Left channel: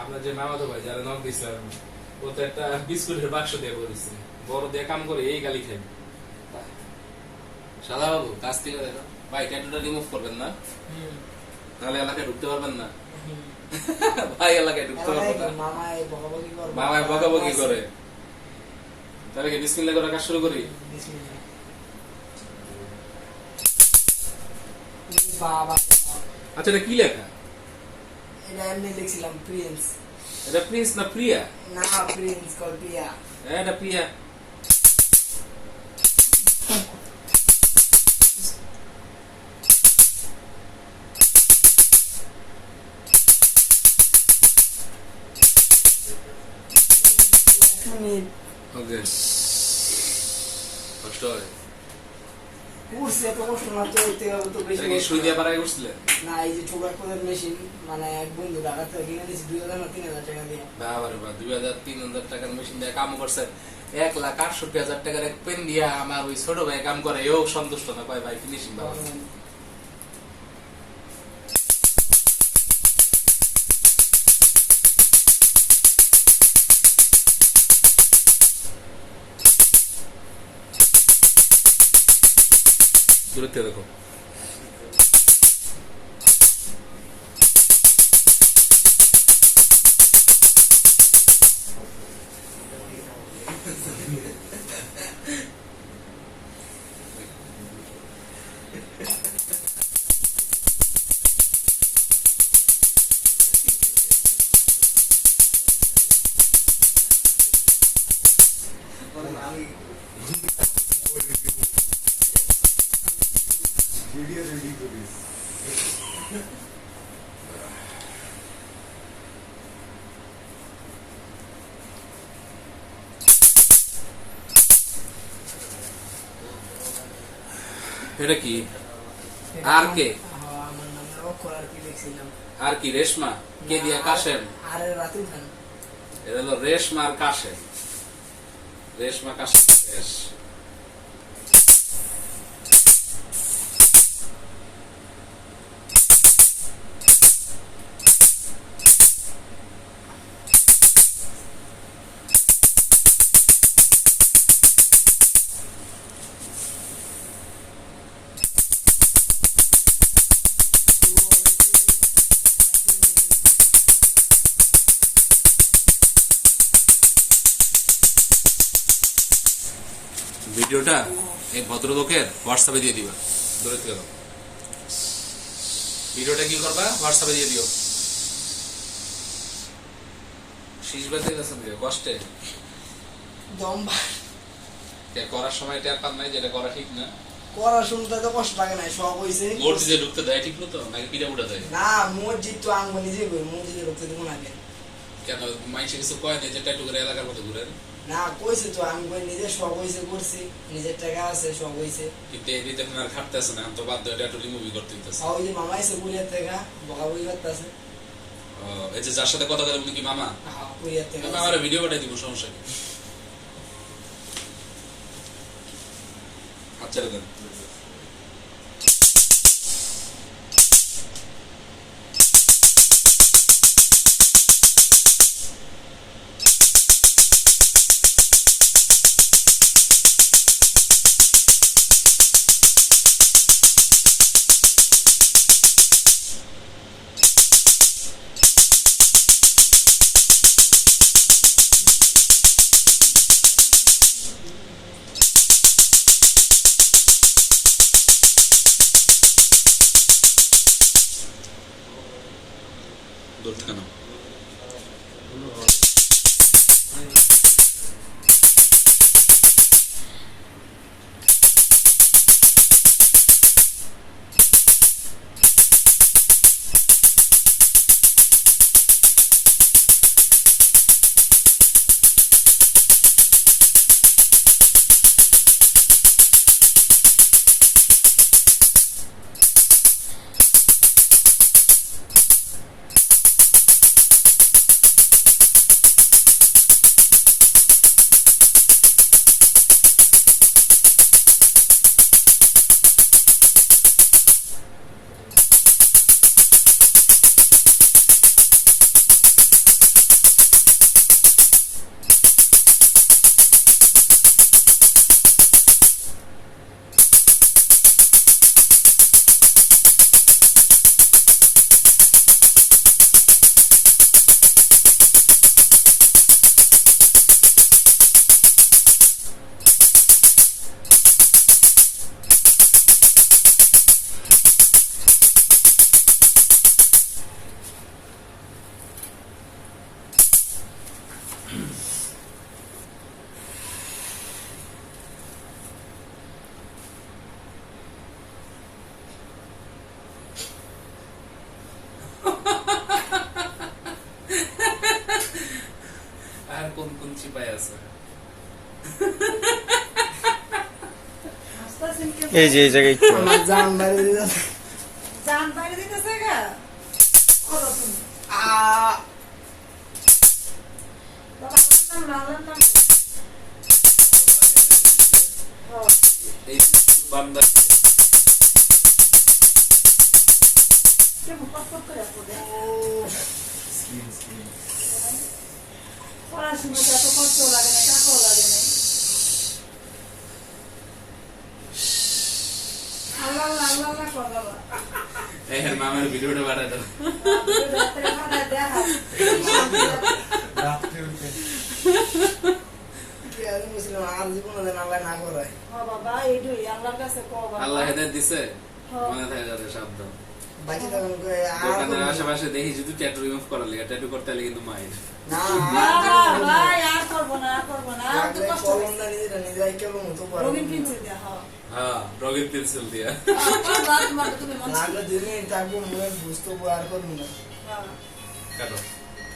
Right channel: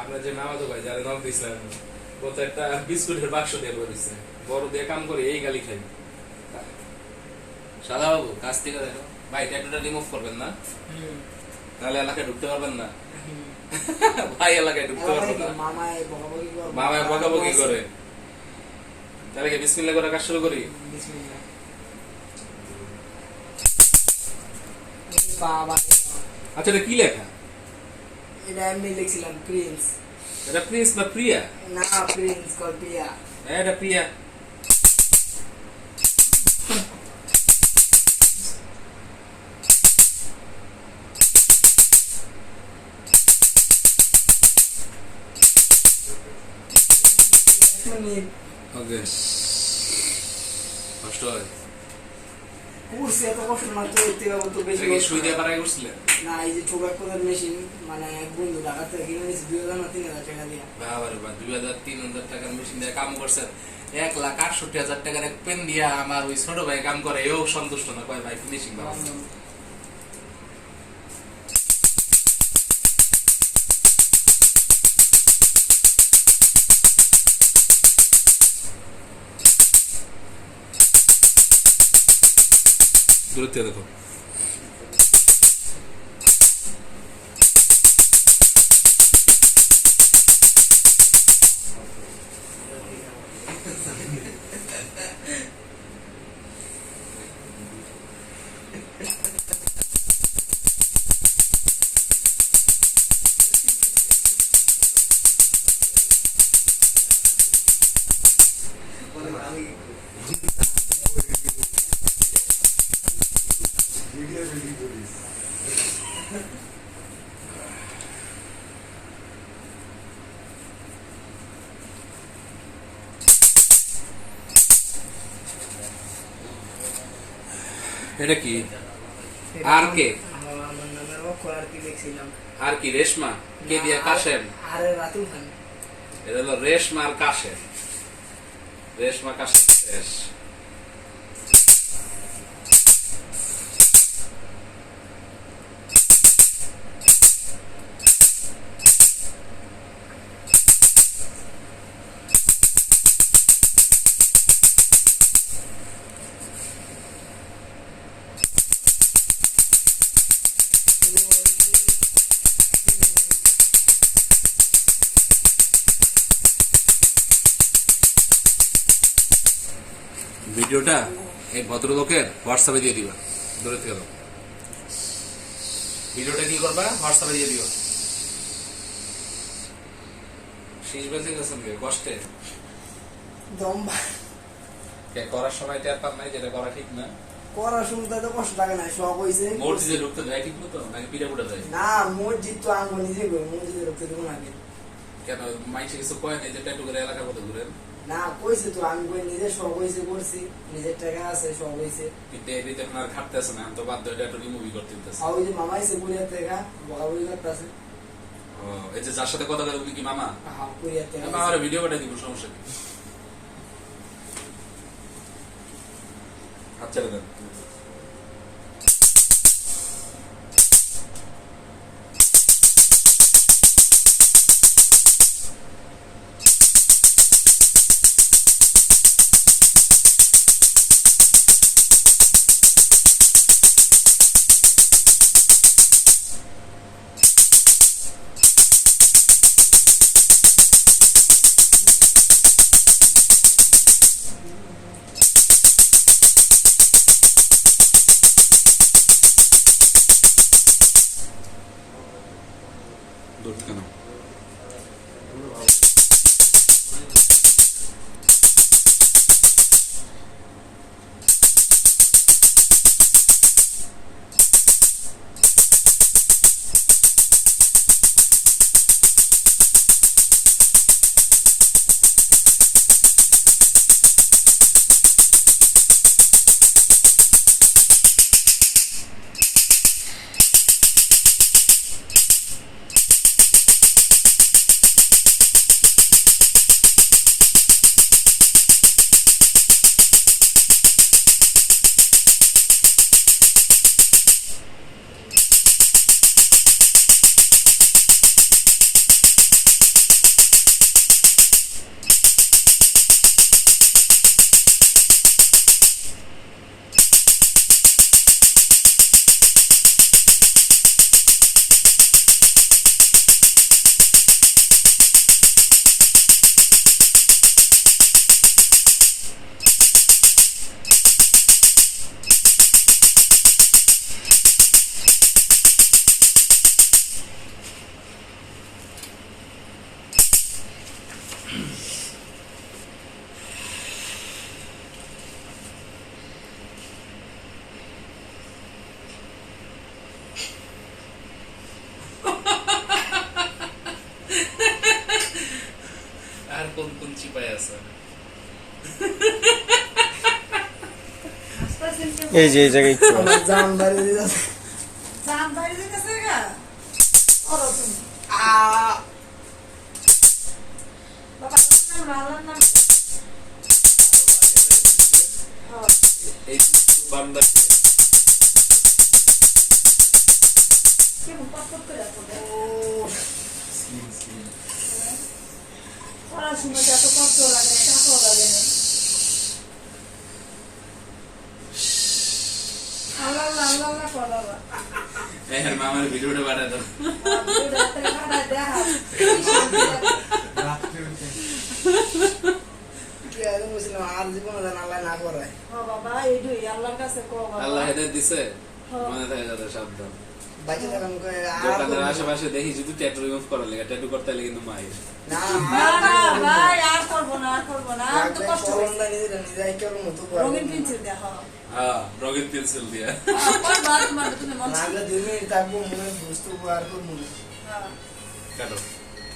আপনার যে মামাতো ভাই যারা নাম দিয়েছিলেন ও তো একটা বিস্কুটের বাক্স দিয়ে বলেছে বড় দিয়ে কাম করে এই গালি খাই সাদা বাবু কাছ থেকে দেখো ভাই ট্যাটুটা রিমুভ করবেন না তাহলে এলাকায় ঢুকতে পারবেন না ভাই এলাকায় ঢুকতে পারবেন না মামায় বকাবকি করে তাহলে কি বিসমিল্লাহ করে কাজ শুরু করি আচ্ছা এটা কি লেখা এটা আমি লিখছিলাম প্রিন্স এটা প্রিন্স না প্রিয়া না প্রিন্স কল প্রিয়া এটা প্রিয়া ওকে কষ্ট হয় কুরসি এত কষ্ট না তো এতে তো বেশি সুই দিয়ে পারাই করছিলে না এই যে ছোট একটা মেশিন মানে এক বন্ধু ঢাকা থেকে কিনে নিয়েছি 2000 না 3000 টাকা দিয়ে বাবারে বা 2000-3000 টাকার মেশিন দিয়ে কাম করছে 1,68,000 টাকার এক পেন দিয়া আমার ওই ছোট ভাই কাম করে এও সন্তুষ্ট না কয় ভাই ফিনিশিং বাবা দূরত্ব দেখো এটা কি আর কে আমার নামে অক্ষর আর কি লিখছিলাম আর কি রেশমা কে দিয়া কাশেম আরে রাতুল খান এটা হলো রেশমা আর কাশেম রেশমা কাশেম রেশ ভিডিওটা এই ভদ্রলোকের হোয়াটসঅ্যাপে দিয়ে দিবা দূরে থেকে ভিডিওটা কি করবা হোয়াটসঅ্যাপে দিয়ে দিও শীষ বেঁধে গেছেন কষ্টে দম্বা করার সময় টের পান নাই যেটা করা ঠিক না করার শুনতে তো কষ্ট লাগে না শখ হইছে মসজিদে ঢুকতে দেয় ঠিক মতো নাকি পিঠা পুটা দেয় না মসজিদ তো আমি নিজে করি মসজিদে ঢুকতে দেবো না কেন মাইসে কিছু কয় নাই যে ট্যাটু করে এলাকার মতো ঘুরেন না কইছে তো আমি কই নিজের শখ হইছে করছি নিজের টাকা আছে শখ হইছে কিন্তু এদিকে আপনার খাটতেছে না তো বাধ্য ট্যাটু রিমুভই করতে হইতেছে আর ওই যে মামা এসে বুড়িয়ার টাকা বকাবকি করতেছে এই যে যার সাথে কথা বলে উনি কি মামা হ্যাঁ বুড়িয়ার টাকা আমি আমার ভিডিও পাঠিয়ে দিব সমস্যা কি হাত ছেড়ে দেন কেন সিপাই আছে। এই যে এই জায়গায় একটু আমার জান বাড়ি দিতেছে। জান বাইরে দিতেছে গা ওরা তুমি বাবা নাম লালার নাম এই বান্দা কেমন কষ্ট করে পড়ে পড়াশোনা যত কষ্ট লাগে না টাকাও লাগে না আল্লাহ আল্লাহ আল্লাহ করো এই মামার ভিডিওটা পাঠা দাও। কি আমি বলছিলাম আর জীবনে যেন আল্লাহ না করায়। বাবা এইটাই আল্লাহর কাছে কও আল্লাহ হেদায়েত দিছে, মনে থাকে যাতে সাবধান। বাইকে থাকুন করে আর দোকানের আশেপাশে দেখি যদি ট্যাটু রিমুভ করার লেগে, ট্যাটু করতে হলে কিন্তু মায়ের না ভাই আর করবো না আর করবো না আর তো কষ্ট কলমটা নিজেরাই কেমন মতো করে রঙিন পেন্সিল দেখা হ্যাঁ রঙের পেন্সিল দিয়া তুমি মন লাগলে 2 মিনিট থাকবো মনে বুঝতে আর করবো না কাটো।